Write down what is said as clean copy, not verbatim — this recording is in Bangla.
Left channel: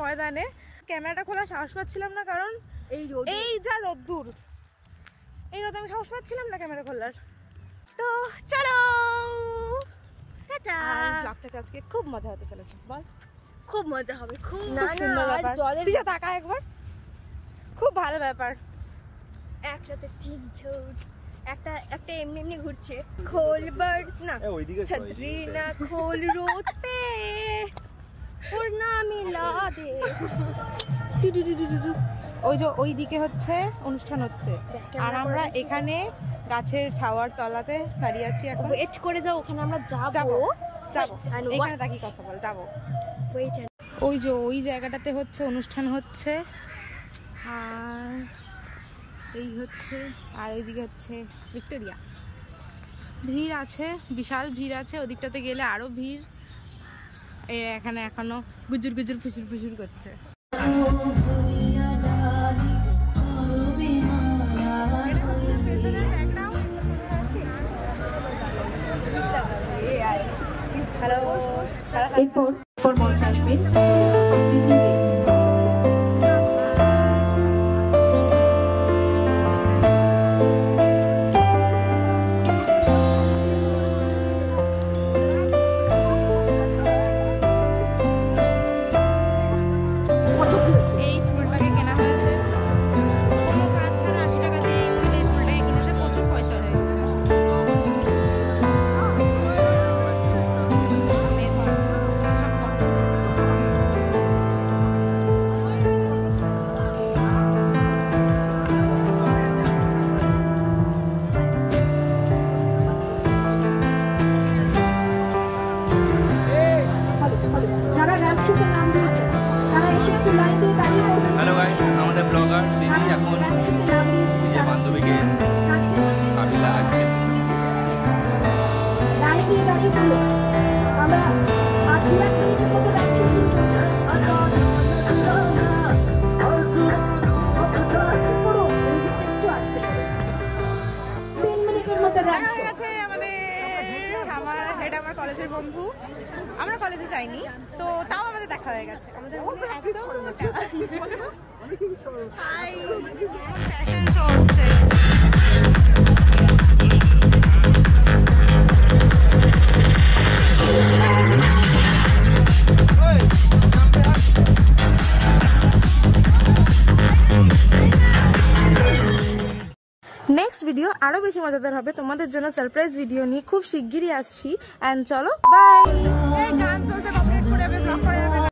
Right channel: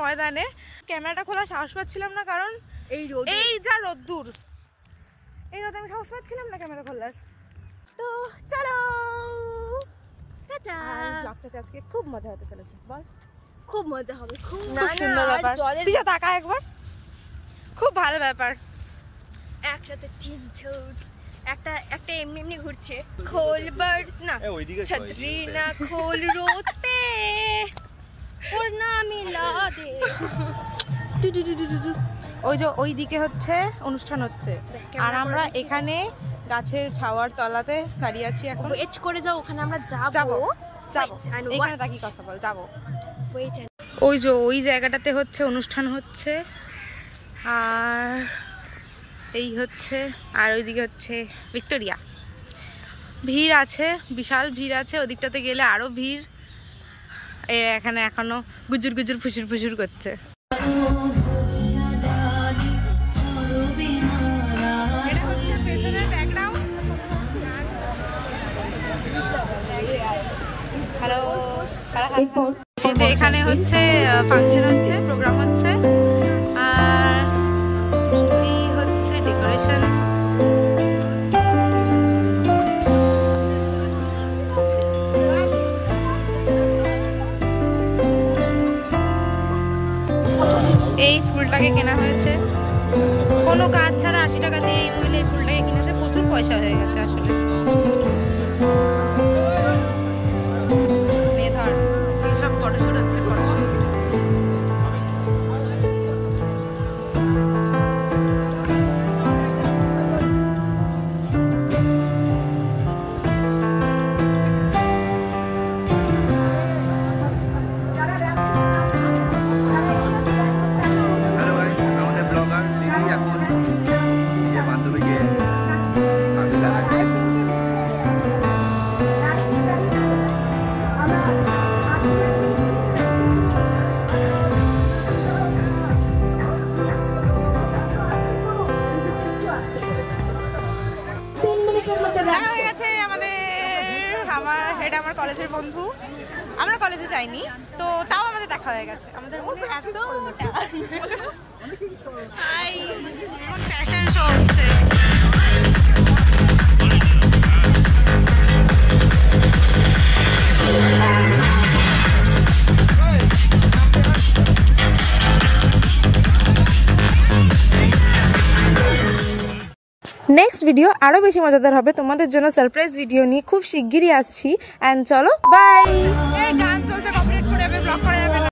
ময়দানে। ক্যামেরাটা খোলা সাহস পাচ্ছিলাম না, কারণ এই যা রোদ্দুর, এই রোদে আমি সাহস পাচ্ছিলাম না ক্যামেরা খোলার। তো চলো টাটা। ব্লগটাতে আজকে খুব মজা হতে চলেছে। বল। খুব মজা হবে, খুব সুন্দর ব্যাপার। তুই তাকা একবার, খুব ভালো ব্যাপার। একসাথে তিনজন একটা এমনি এমনি ঘুরছে। খোল বার্ড না ছত্রি না খোল রোদ পে পূর্ণা মিলা দে। ওই যে ওই দিকে হচ্ছে অনুষ্ঠান হচ্ছে, আর আমরা এখানে গাছের ছাওয়ার তলাতে দাঁড়িয়ে আছি। এখন ওয়েট করে যাও, ওখানে আমরা যাবো। এখানে তাকি কথা বল, যাবো। ওই যে ওই জায়গাটাতে হচ্ছে অনুষ্ঠান হচ্ছে, আর এই হচ্ছে, আর ওইদিকে হচ্ছে ভিক্টোরিয়া। ভিড় আছে, বিশাল ভিড় আছে। ওদিকটাতে গেলে আরো ভিড়। এখানে এখনো গুজুর গুজুর ফুসুর ফুসুর করছে। হ্যালো, এখানে হচ্ছে ফাংশন হচ্ছে, প্রোগ্রাম হচ্ছে, আর এই হচ্ছে ডেকোরেশন। এই ফুলটাকে কেনা হয়েছে কোনো কাজ ছাড়া 80 টাকা দিয়ে। এই মহিলা এই ফুলটাকে কিনেছে, প্রচুর পয়সা হয়ে গেছে আসলে। সব ফটোশুট হচ্ছে, ফটোশুট। হ্যালো গাইস, আমাদের ব্লগার দিদি এখন নিজের বান্ধবীকে কাবিলা আছে। এটা আমার কলেজের বন্ধু, আমরা কলেজে যাইনি তো তাও আমাদের দেখা হয়ে গেছে। আমাদের মনে এতটা হাই, এখন ফ্যাশন শো হচ্ছে। নেক্সট ভিডিও আরো বেশি মজাদার হবে, তোমাদের জন্য সারপ্রাইজ ভিডিও নিয়ে খুব শিগগিরই আসছি। এন্ড চলো বাই। এই গান চলছে, কপিরাইট করে যাবে, ব্লক করা যাবে না।